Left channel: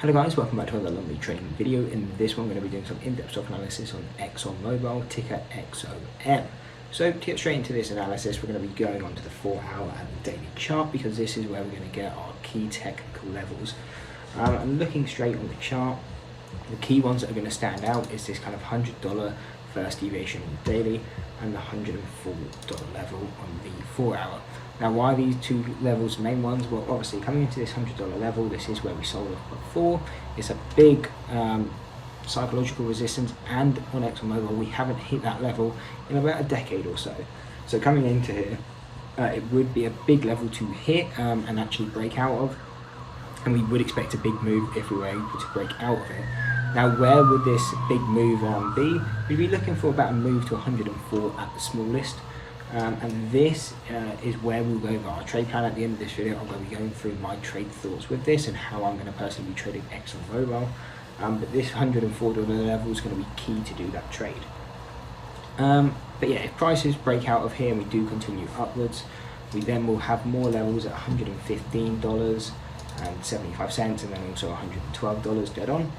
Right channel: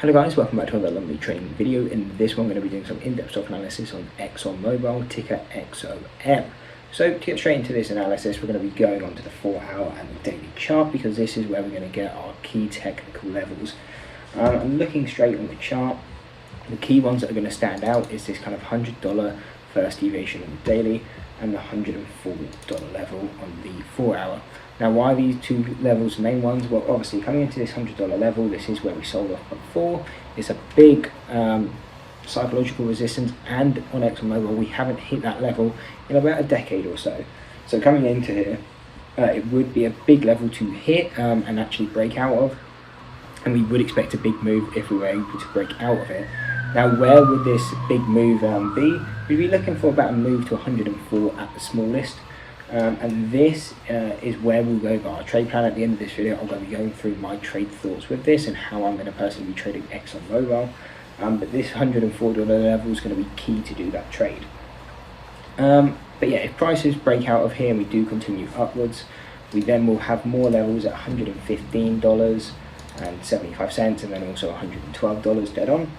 Hello guys, welcome back to another lovely trading video. In this one, I'm going to be doing some in-depth stock analysis on ExxonMobil, ticker XOM. So to get straight into this analysis, we're going to be going on to the 4-hour and the daily chart because this is where we're going to get our key technical levels. And looking straight on the chart, the key ones that are going to stand out is this kind of $100 first deviation on the daily and the $104 level on the 4-hour. Now, why are these two levels the main ones? Well, obviously coming into this $100 level, this is where we sold off before. It's a big psychological resistance, and on ExxonMobil we haven't hit that level in about a decade or so. So coming into here, it would be a big level to hit and actually break out of, and we would expect a big move if we were able to break out of it. Now, where would this big move be? We'd be looking for about a move to 104 at the smallest. And this is where we'll go over our trade plan. At the end of this video, I'm going to be going through my trade thoughts with this and how I'm going to personally be trading ExxonMobil. But this $104 level is going to be key to do that trade. But yeah, if prices break out of here and we do continue upwards, we then will have more levels at $115.75 and then also $112 dead on.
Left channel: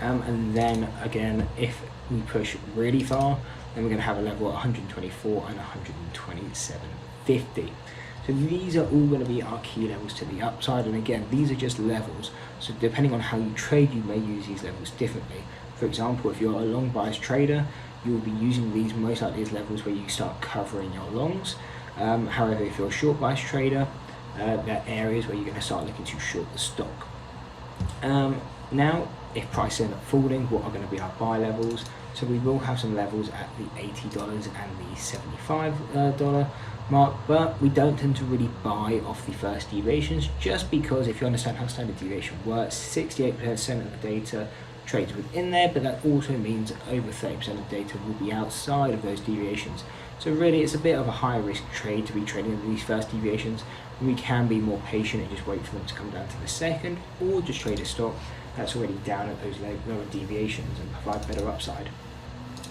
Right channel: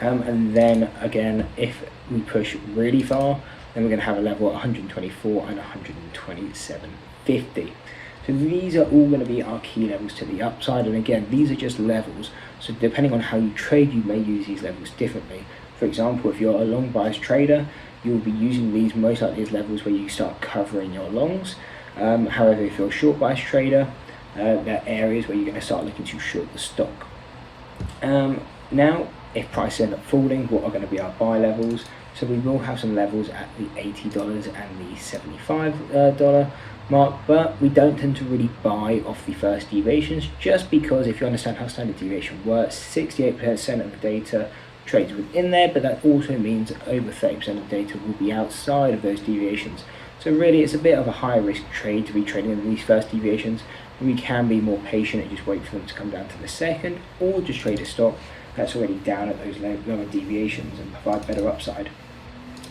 And then again, if we push really far, then we're going to have a level at 124 and 127.50. So these are all going to be our key levels to the upside, and again, these are just levels, so depending on how you trade, you may use these levels differently. For example, if you're a long bias trader, you'll be using these most likely as levels where you start covering your longs. However, if you're a short bias trader, there are areas where you're going to start looking to short the stock. Now, if prices end up falling, what are going to be our buy levels? So we will have some levels at the $80 and the $75 mark, but we don't tend to really buy off the first deviations, just because if you understand how standard deviation works, 68% of the data trades within there, but that also means that over 30% of the data will be outside of those deviations. So really it's a bit of a higher risk trade to be trading in these first deviations. We can be more patient and just wait for them to come down to the second, or just trade a stock that's already down at those lower deviations and provide better upside.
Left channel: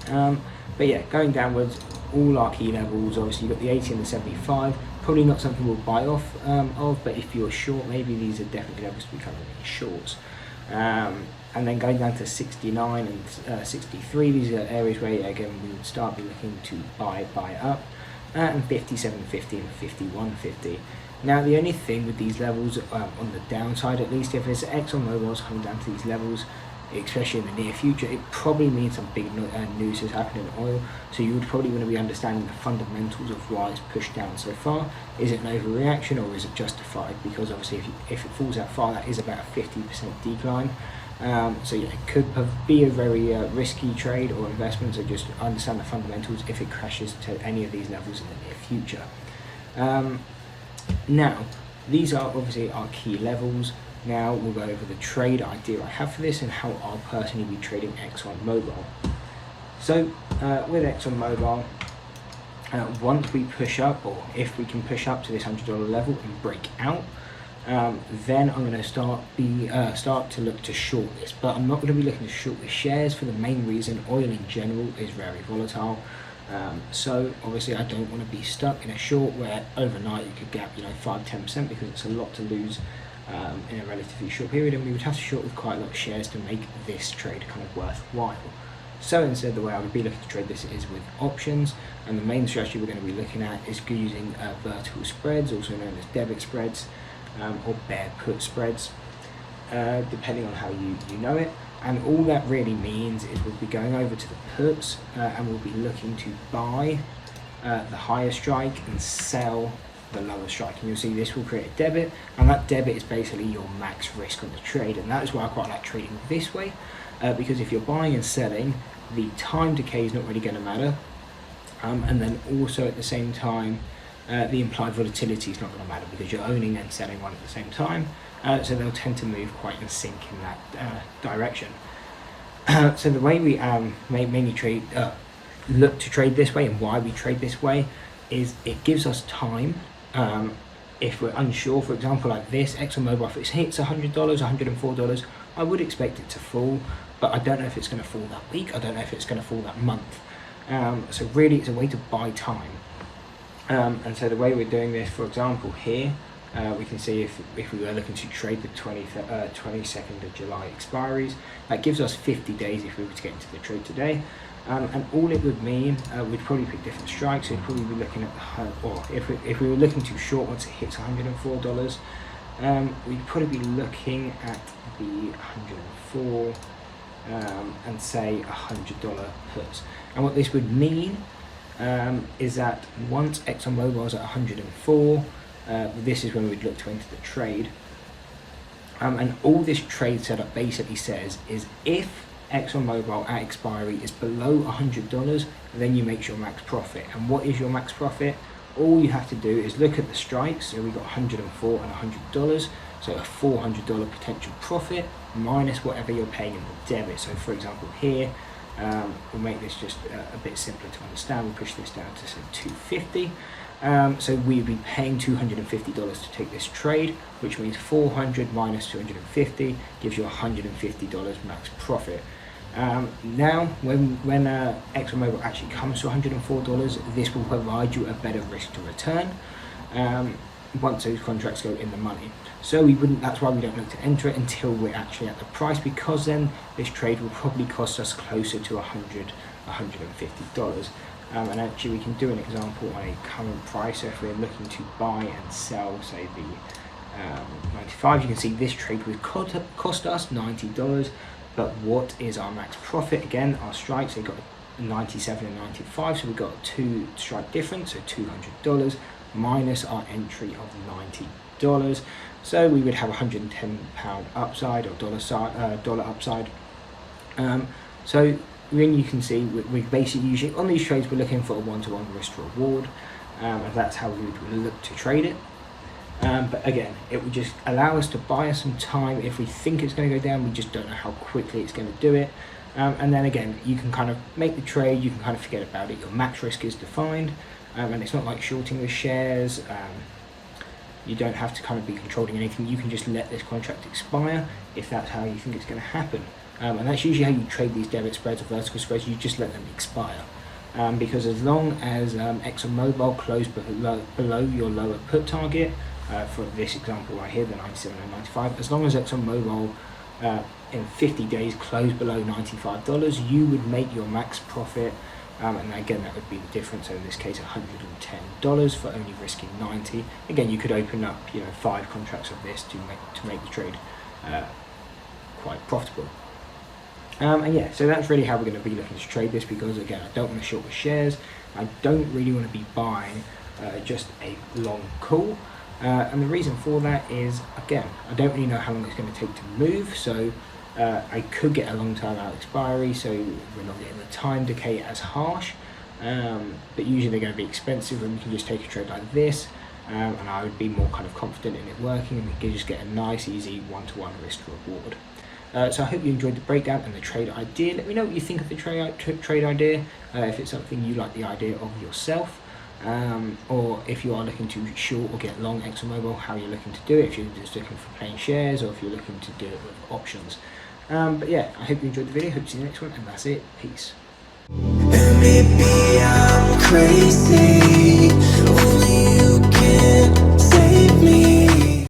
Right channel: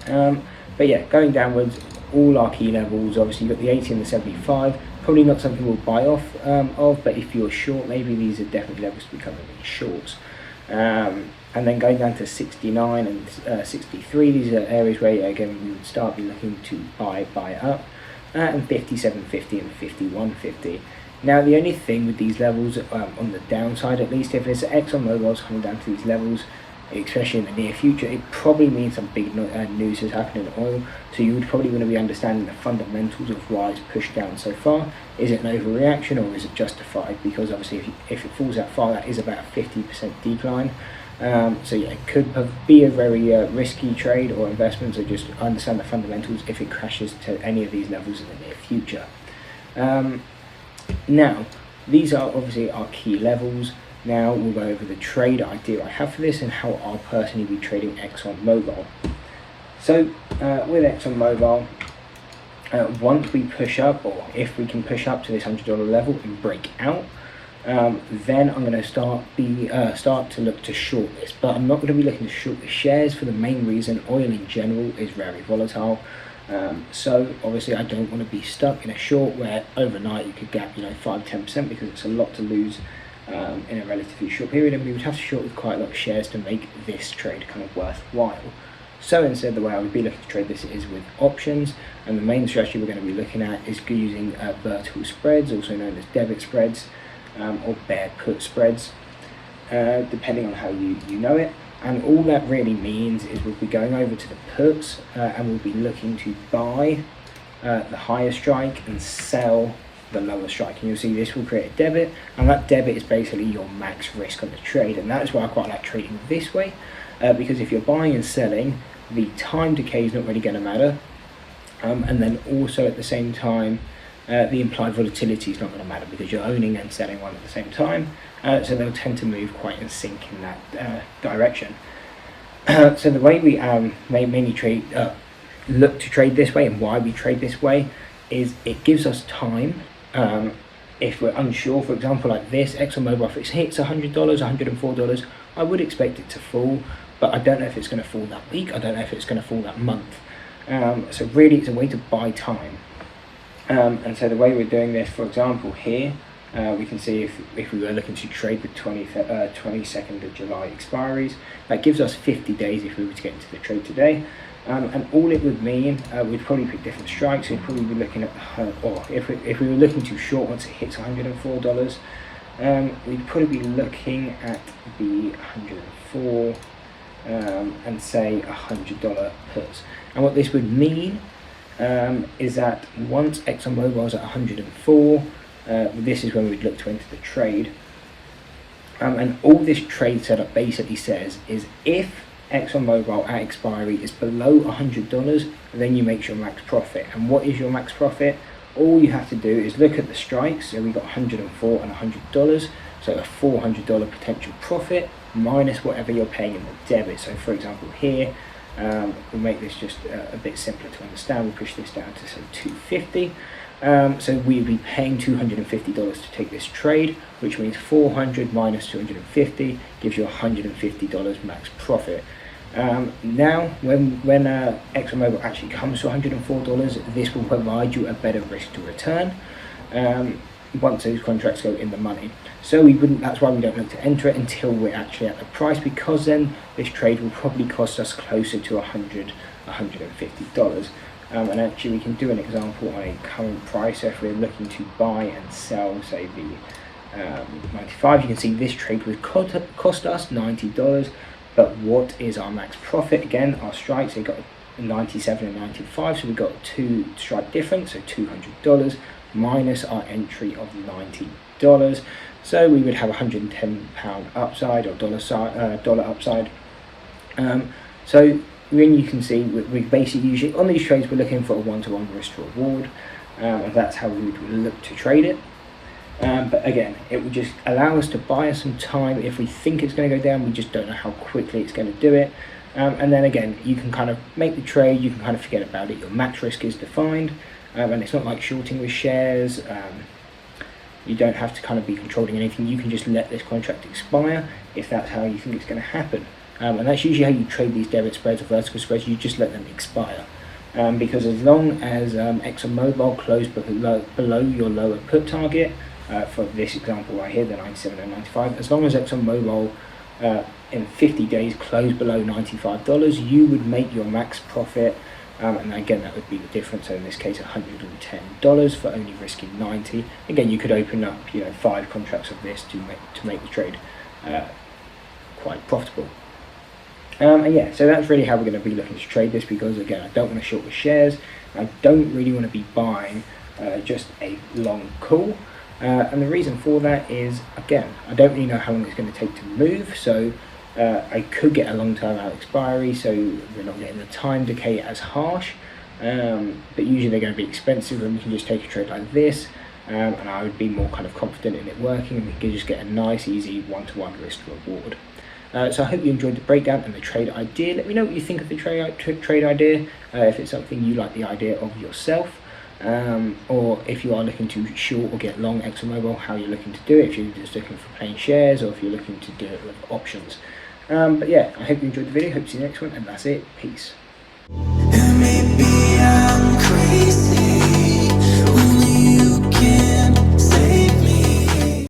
But yeah, going downwards, all our key levels, obviously you've got the 80 and the 75, probably not something we'll buy off of, but if you're short, maybe these are definitely levels to be covering in shorts. And then going down to 69 and 63, these are areas where again we would start be looking to buy up, and 57.50 and 51.50. Now, the only thing with these levels, on the downside at least, if it's ExxonMobil's coming down to these levels, especially in the near future, it probably means some big news is happening in oil. So you would probably want to be understanding the fundamentals of why it's pushed down so far. Is it an overreaction or is it justified? Because obviously if it falls that far, that is about a 50% decline. So yeah, it could be a very risky trade or investment, so just understand the fundamentals if it crashes to any of these levels in the near future. Now, these are obviously our key levels. Now we'll go over the trade idea I have for this and how I'll personally be trading ExxonMobil. So with ExxonMobil, once we push up, or if we can push up to this $100 level and break out, then I'm going to start to look to short this. But I'm not going to be looking to short the shares for the main reason oil in general is very volatile. So obviously I don't want to be stuck in a short where overnight you could gap 5-10%, because it's a lot to lose in a relatively short period, and we would have to short with quite a lot of shares to make this trade kind of worthwhile. So instead, the way I would be looking to trade this is with options, and the main strategy we're going to be looking at is using vertical spreads, also known as debit spreads, or bear put spreads, depending on how you know it. And all that really means is we'll be going over to the puts and we'll be looking to buy the higher strike and sell the lower strike, and you'll see this will create a debit, and that debit is basically your max risk on the trade. And that is why I quite like trading this way, because if you're buying and selling, the time decay is not really going to matter, and then also at the same time the implied volatility is not going to matter because you're owning and selling one at the same time, so they'll tend to move quite in sync in that direction. So the way we mainly look to trade this way, and why we trade this way, is it gives us time. If we're unsure, for example, like this ExxonMobil, if it hits $100, $104, I would expect it to fall, but I don't know if it's going to fall that week. I don't know if it's going to fall that month. So really, it's a way to buy time. And so the way we're doing this, for example, here, We can see if we were looking to trade the 22nd of July expiries, that gives us 50 days if we were to get into the trade today. And all it would mean, we'd probably pick different strikes. We'd probably be looking at, or if we were looking to short once it hits $104, we'd probably be looking at the 104 and say $100 puts. And what this would mean is that once ExxonMobil is at 104, this is when we'd look to enter the trade. And all this trade setup basically says is if ExxonMobil at expiry is below $100, then you make your max profit. And what is your max profit? All you have to do is look at the strikes. So we got 104 and $100, so a $400 potential profit minus whatever you're paying in the debit. So for example here, we'll make this just a bit simpler to understand. We'll push this down to say 250. So we'd be paying $250 to take this trade, which means 400 minus 250 gives you $150 max profit. Now, when ExxonMobil actually comes to $104, this will provide you a better risk to return once those contracts go in the money. So that's why we don't look to enter it until we're actually at the price, because then this trade will probably cost us closer to $150. And actually we can do an example on a current price. So if we're looking to buy and sell, say the 95, you can see this trade would cost us $90. But what is our max profit? Again, our strikes, they got 97 and 95, so we got 2 strike difference, so $200 minus our entry of $90. So we would have £110 upside or dollar upside. So when you can see, we basically usually on these trades we're looking for a 1-to-1 risk to reward, and that's how we would look to trade it. But again, it would just allow us to buy us some time. If we think it's going to go down, we just don't know how quickly it's going to do it. And then again, you can kind of make the trade, you can kind of forget about it. Your max risk is defined, and it's not like shorting with shares. You don't have to kind of be controlling anything. You can just let this contract expire if that's how you think it's going to happen. And that's usually how you trade these debit spreads or vertical spreads. You just let them expire. Because as long as ExxonMobil closed below your lower put target, for this example right here, the 97 and 95, as long as ExxonMobil in 50 days closed below $95, you would make your max profit. And again, that would be the difference. So in this case, $110 for only risking 90. Again, you could open up 5 contracts of this to make the trade quite profitable. And yeah, so that's really how we're going to be looking to trade this, because again, I don't want to short the shares. I don't really want to be buying just a long call. And the reason for that is, again, I don't really know how long it's going to take to move. So I could get a long-term out expiry, so we're not getting the time decay as harsh. But usually they're going to be expensive, and we can just take a trade like this. And I would be more kind of confident in it working, and we can just get a nice, easy 1-to-1 risk to reward. So I hope you enjoyed the breakdown and the trade idea. Let me know what you think of the trade idea, if it's something you like the idea of yourself, or if you are looking to short or get long ExxonMobil, how you're looking to do it, if you're just looking for plain shares or if you're looking to do it with options. But yeah, I hope you enjoyed the video, hope to see you next one, and that's it. Peace. Maybe I'm crazy.